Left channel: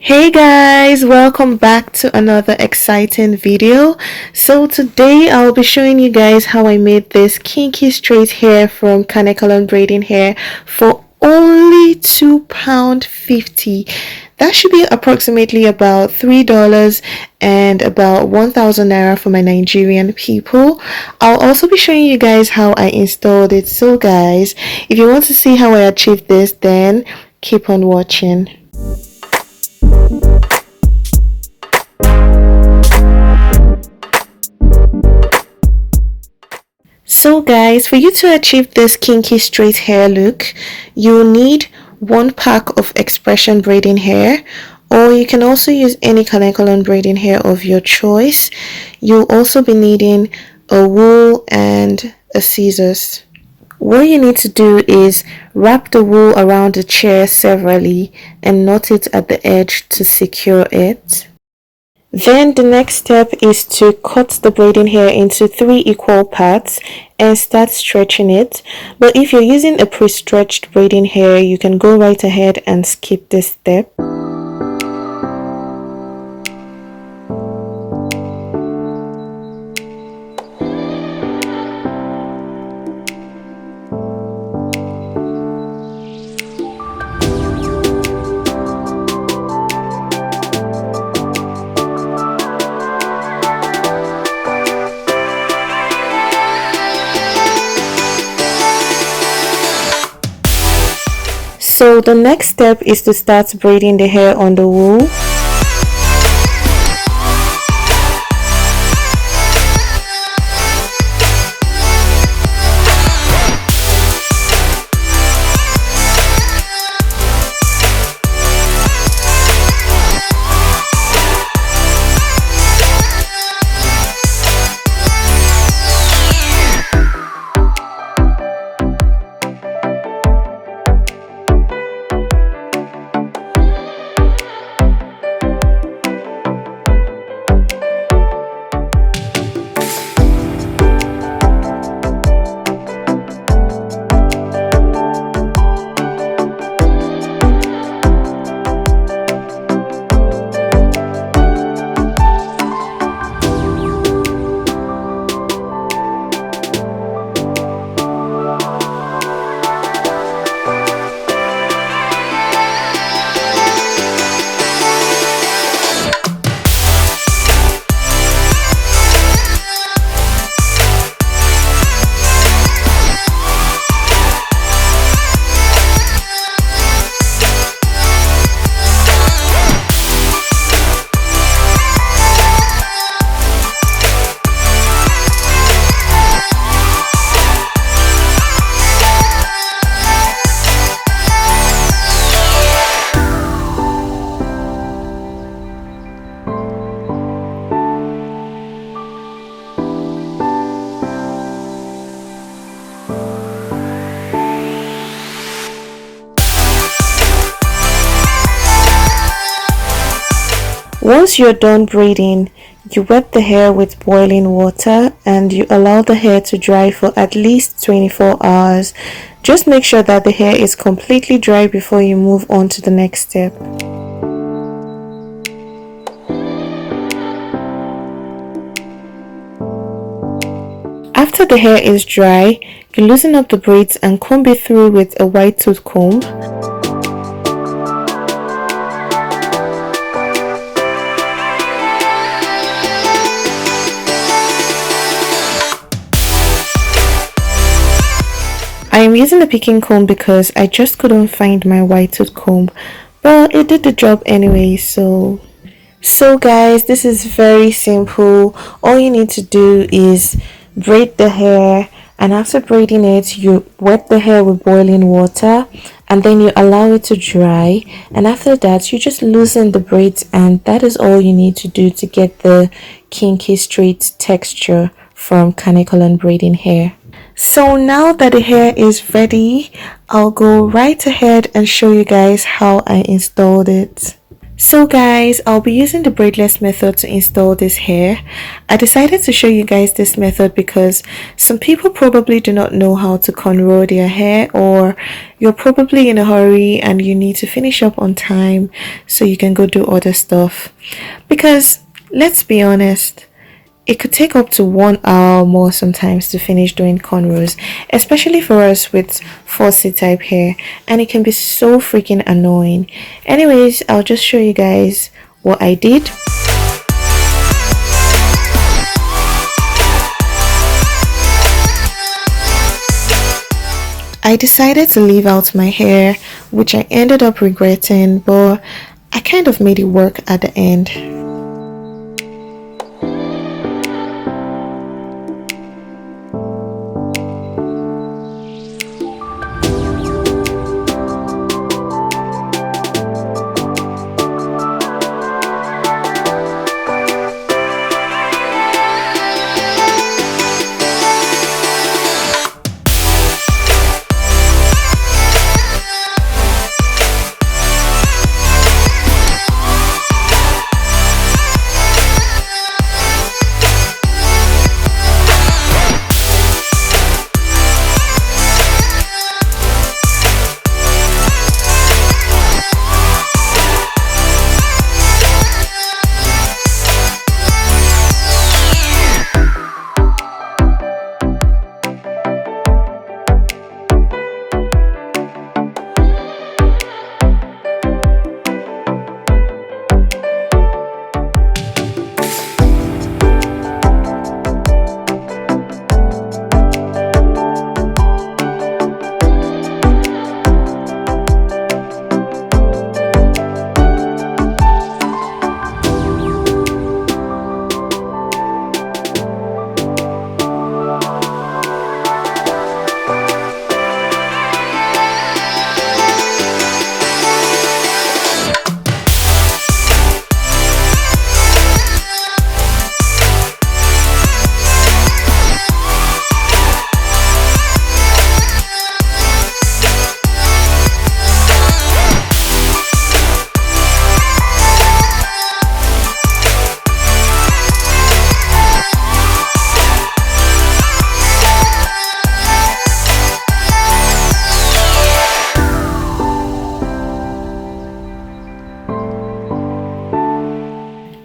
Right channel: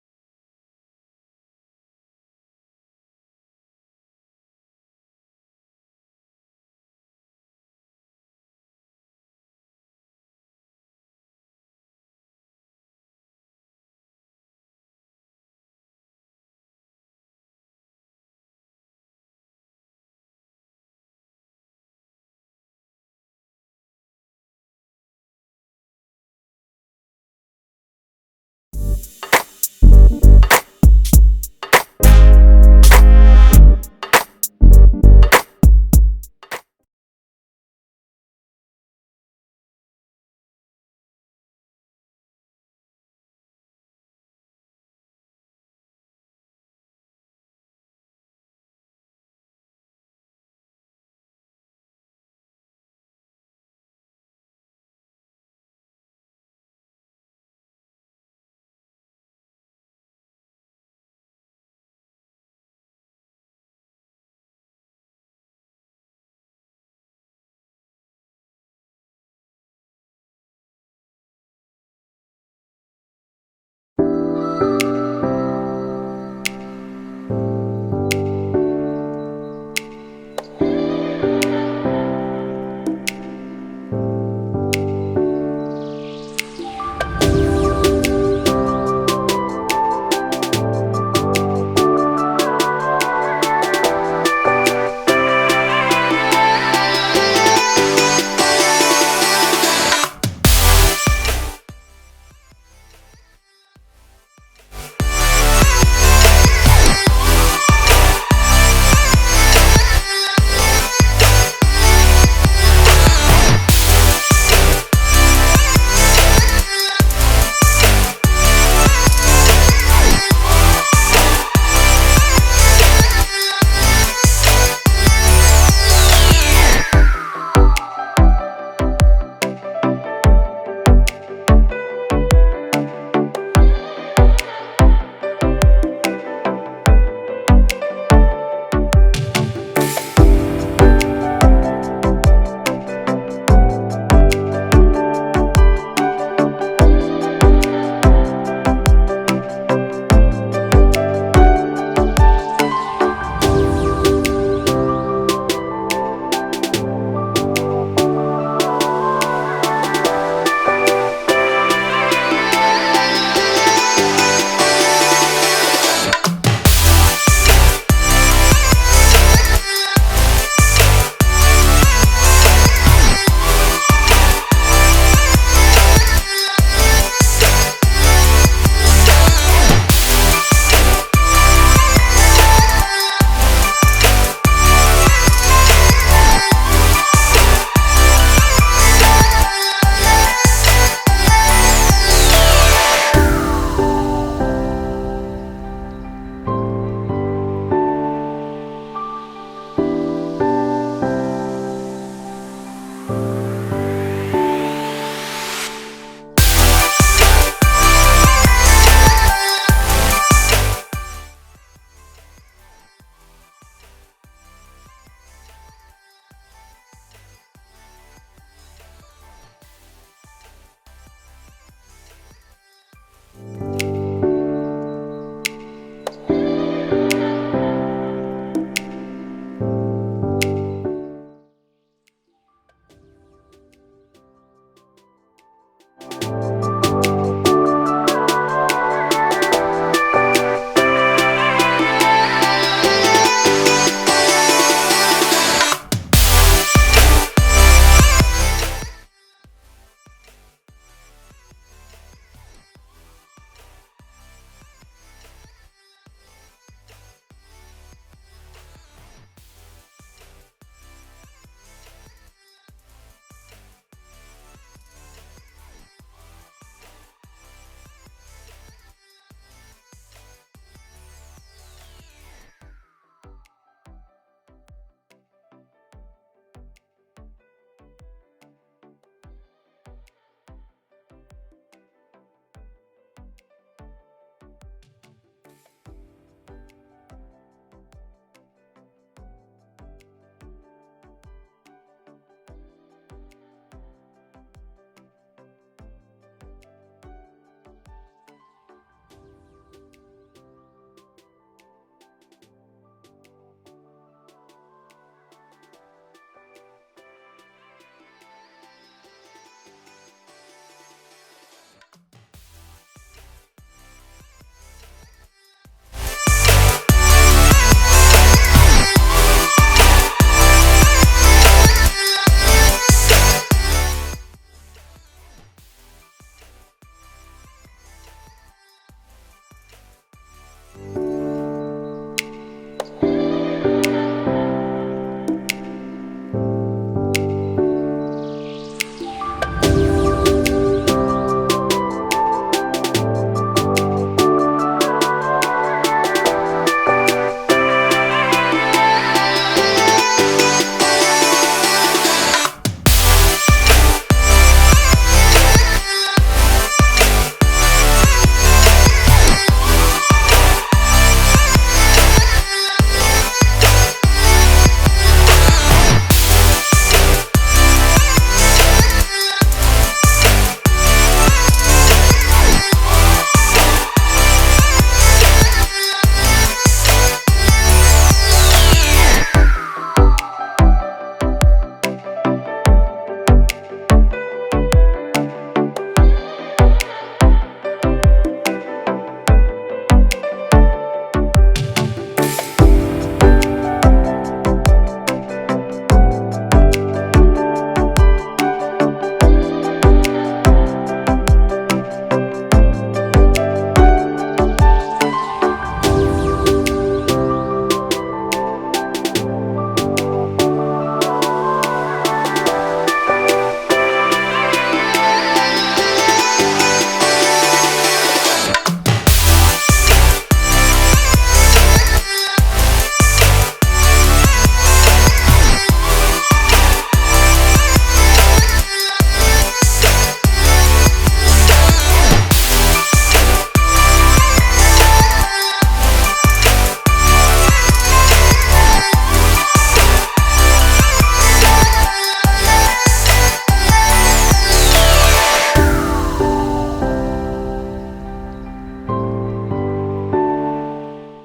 Hey guys, welcome back to another exciting video. So today I'll be showing you guys how I made this kinky straight hair from KANEKALON braiding hair for only £2.50. That should be approximately about $3 and about 1,000 naira for my Nigerian people. I'll also be showing you guys how I installed it. So guys, if you want to see how I achieved this, then keep on watching. So guys, for you to achieve this kinky straight hair look, you'll need one pack of expression braiding hair, or you can also use any KANEKALON braiding hair of your choice. You'll also be needing a wool and a scissors. What you need to do is wrap the wool around the chair severally and knot it at the edge to secure it. Then the next step is to cut the braiding hair into 3 equal parts and start stretching it. But if you're using a pre-stretched braiding hair, you can go right ahead and skip this step. So the next step is to start braiding the hair on the wool. Once you're done braiding, you wet the hair with boiling water and you allow the hair to dry for at least 24 hours. Just make sure that the hair is completely dry before you move on to the next step. After the hair is dry, you loosen up the braids and comb it through with a wide tooth comb. I am using a picking comb because I just couldn't find my white tooth comb, but it did the job anyway. So guys, this is very simple. All you need to do is braid the hair, and after braiding it, you wet the hair with boiling water and then you allow it to dry, and after that you just loosen the braids, and that is all you need to do to get the kinky straight texture from KANEKALON braiding hair. So now that the hair is ready, I'll go right ahead and show you guys how I installed it. So guys, I'll be using the braidless method to install this hair. I decided to show you guys this method because some people probably do not know how to cornrow their hair, or you're probably in a hurry and you need to finish up on time so you can go do other stuff. Because let's be honest, it could take up to 1 hour more sometimes to finish doing cornrows, especially for us with 4C type hair, and it can be so freaking annoying. Anyways, I'll just show you guys what I did. I decided to leave out my hair, which I ended up regretting, but I kind of made it work at the end.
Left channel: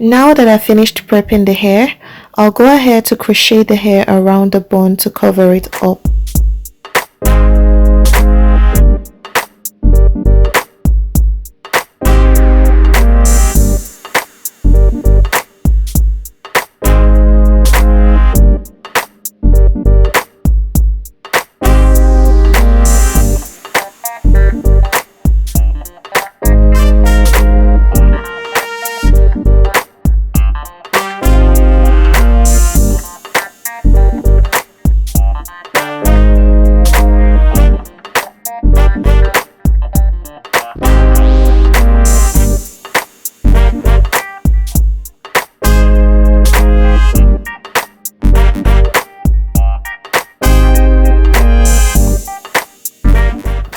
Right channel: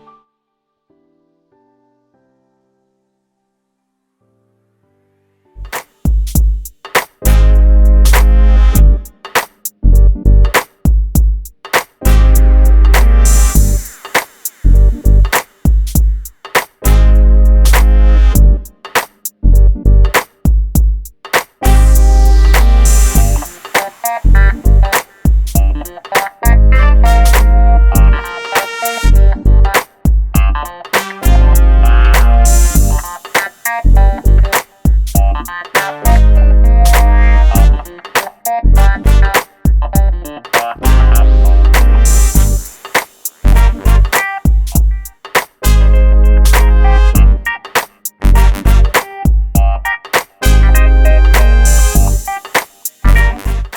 Now that I finished prepping the hair, I'll go ahead to crochet the hair around the bun to cover it up.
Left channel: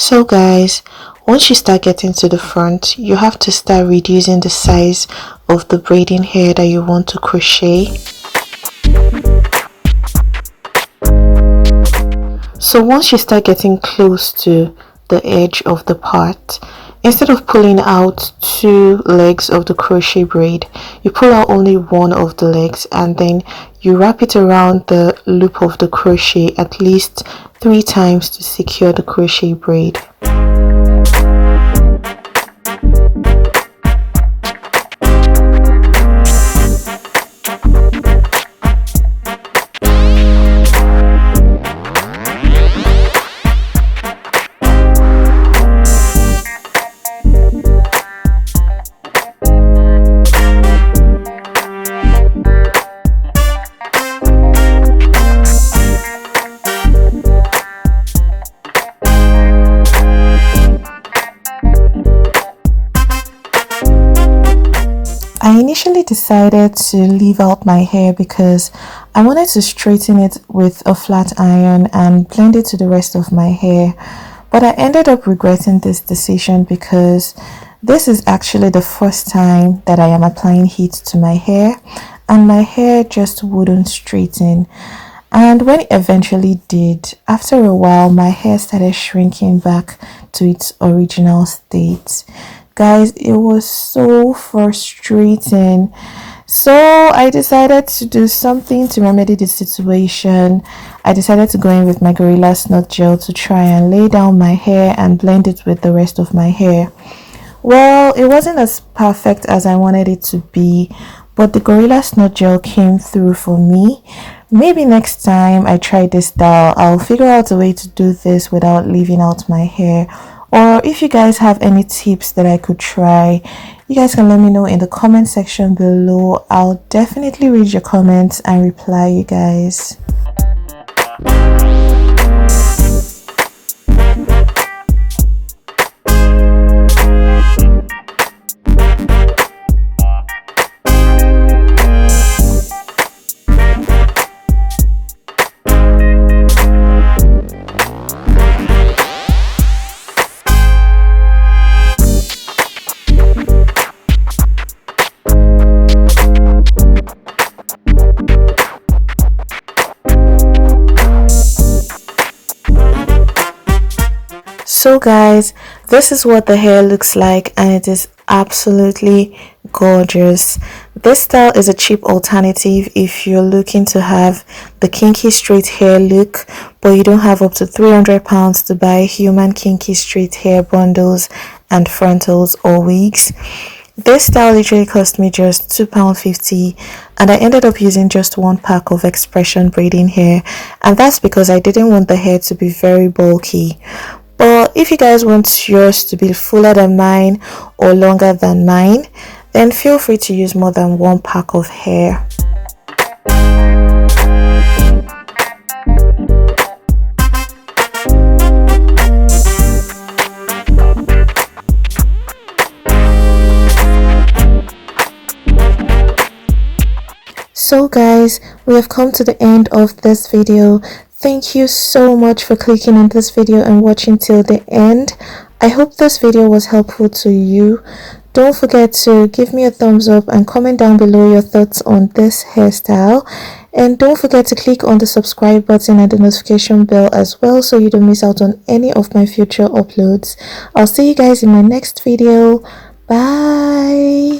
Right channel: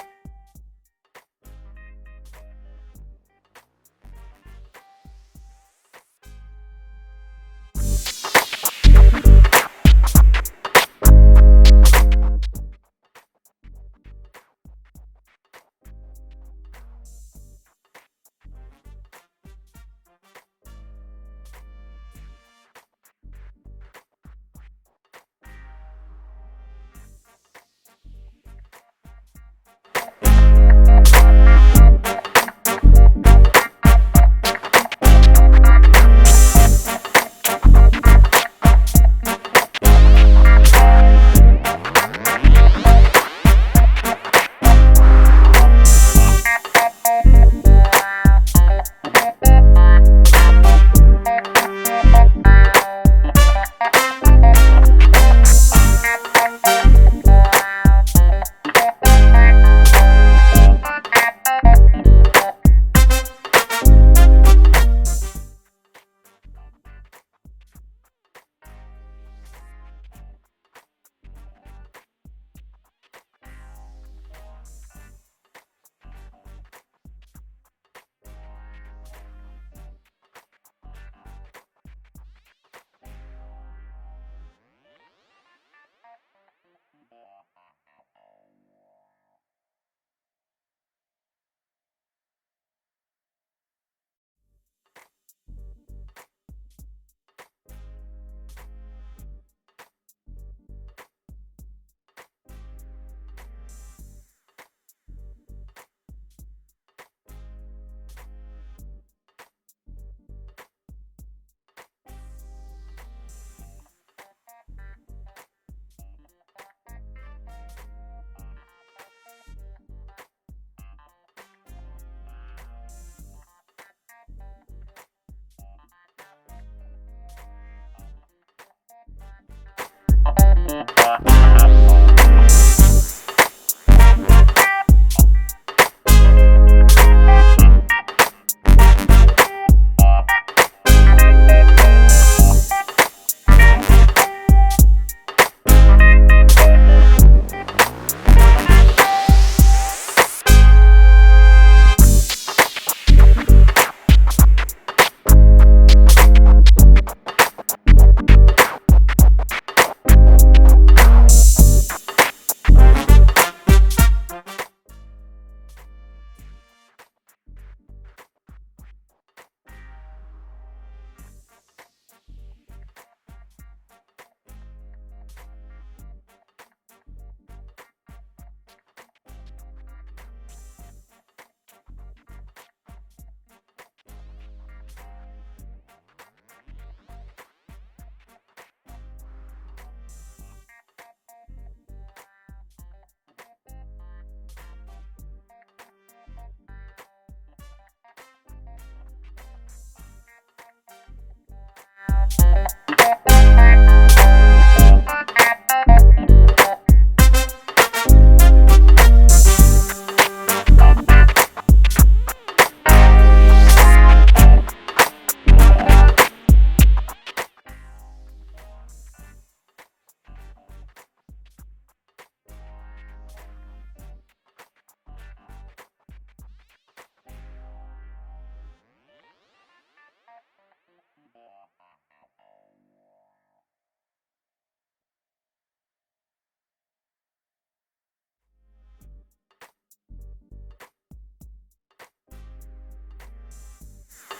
So guys, once you start getting to the front, you have to start reducing the size of the braiding hair that you want to crochet. So once you start getting close to the edge of the part, instead of pulling out 2 legs of the crochet braid, you pull out only one of the legs, and then you wrap it around the loop of the crochet at least 3 times to secure the crochet braid. I initially decided to leave out my hair because I wanted to straighten it with a flat iron and blend it to the rest of my hair, but I ended up regretting this decision because This is actually the first time that I am applying heat to my hair, and my hair just wouldn't straighten. And when it eventually did, after a while, my hair started shrinking back to its original state. Guys, it was so frustrating. So I decided to do something to remedy the situation. I decided to go in with my Gorilla Snot Gel to try and lay down my hair and blend it with the rest of my hair. Well, it wasn't as perfect as I wanted it to be, but the Gorilla Snot Gel came through for me. Maybe next time I try this style, I'll figure out a way to do this without leaving out my hair. Or if you guys have any tips that I could try, you guys can let me know in the comment section below. I'll definitely read your comments and reply, you guys. So guys, this is what the hair looks like, and it is absolutely gorgeous. This style is a cheap alternative if you're looking to have the kinky straight hair look, but you don't have up to £300 to buy human kinky straight hair bundles and frontals or wigs. This style literally cost me just £2.50, and I ended up using just one pack of expression braiding hair, and that's because I didn't want the hair to be very bulky. But if you guys want yours to be fuller than mine or longer than mine, then feel free to use more than one pack of hair. So guys, we have come to the end of this video. Thank you so much for clicking on this video and watching till the end. I hope this video was helpful to you. Don't forget to give me a thumbs up and comment down below your thoughts on this hairstyle. And don't forget to click on the subscribe button and the notification bell as well, so you don't miss out on any of my future uploads. I'll see you guys in my next video. Bye.